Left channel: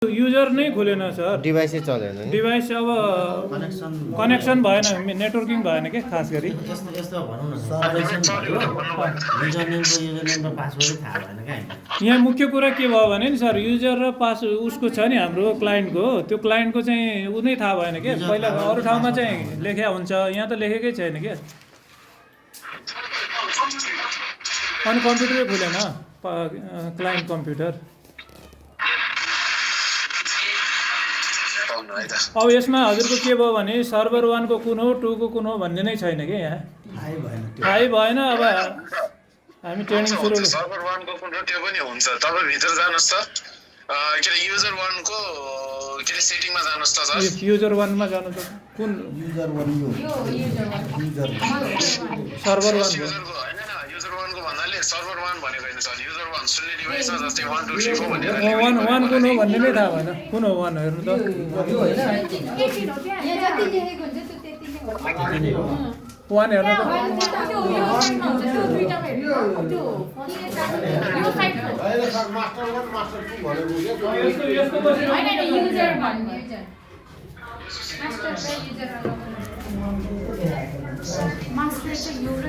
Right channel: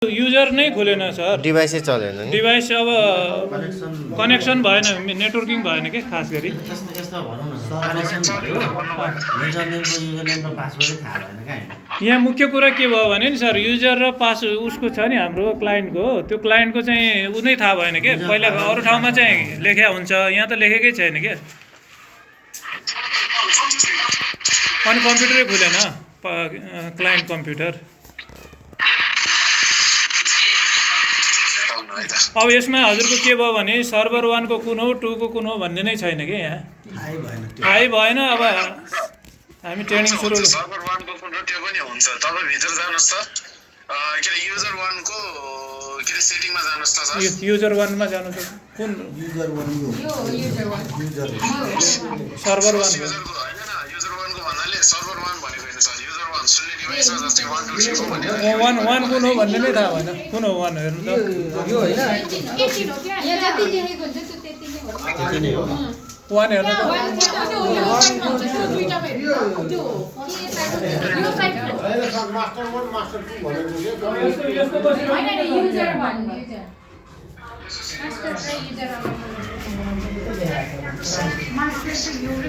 User नै खोलेन sir, डिभाइसै चलेन नि। डिभाइस अब कनेक्सन भएन, नेटवर्किङ भएन क्या खास गरी। यस्तो भनौँ न कनेक्सन भयो युजरनेमको युजरनेम र पासवर्डै थाहा भएन क्या हामीलाई। यहाँ मुख्य कुरा के भयो भने नि सर, युजर र पास उसको छ नि हाम्रो क्लाइन्टको, त्यो क्लाइन्टको चाहिँ ऊ नै थाहा भएन क्या। पहिला अरू ठाउँमा चाहिँ लेख्या हुन्छ, यहाँ त लेखेकै छैन क्या। अनि कम्प्युटरै खुलेन क्लाइन्ट कम्प्युटर। अब यसमा हजुरको के भयो भने सर्भर 1 को कुन हो 2 को कुन हो भन्ने नै छैन कि यहाँ थाहै भएन। अब हामी ट्रेनिङ सुरु सर्भर 1 को कुन हो त्यो पनि हुन्छ। तपाईँ भित्र जानुहोस् त, के अरे युजर 1 को के अरे सेटिङमा जानुहोस् त सर। युजर 1 मा जानु त कुन युजर 1 यो युजर 1 सर्भर 1 युजर को हैन न, युजर 1 को भन्नाले सर्भर 1 भनेको हैन सर। युजर 1 सुन्ने डिभाइसमा जस्तै 1 2 3 4 भनेर 1 कुन हो भन्ने नै थाहा भएन। कुन हो 1 हेर्नु त। यो हैन यहाँ जति लेखेको हुन्छ त्यो त्यति नै हो। 1 हेर्नु त। मास्टर 1 मास्टर 2 भनेको यस्तो बसेर युजर 1 मास्टर र युजर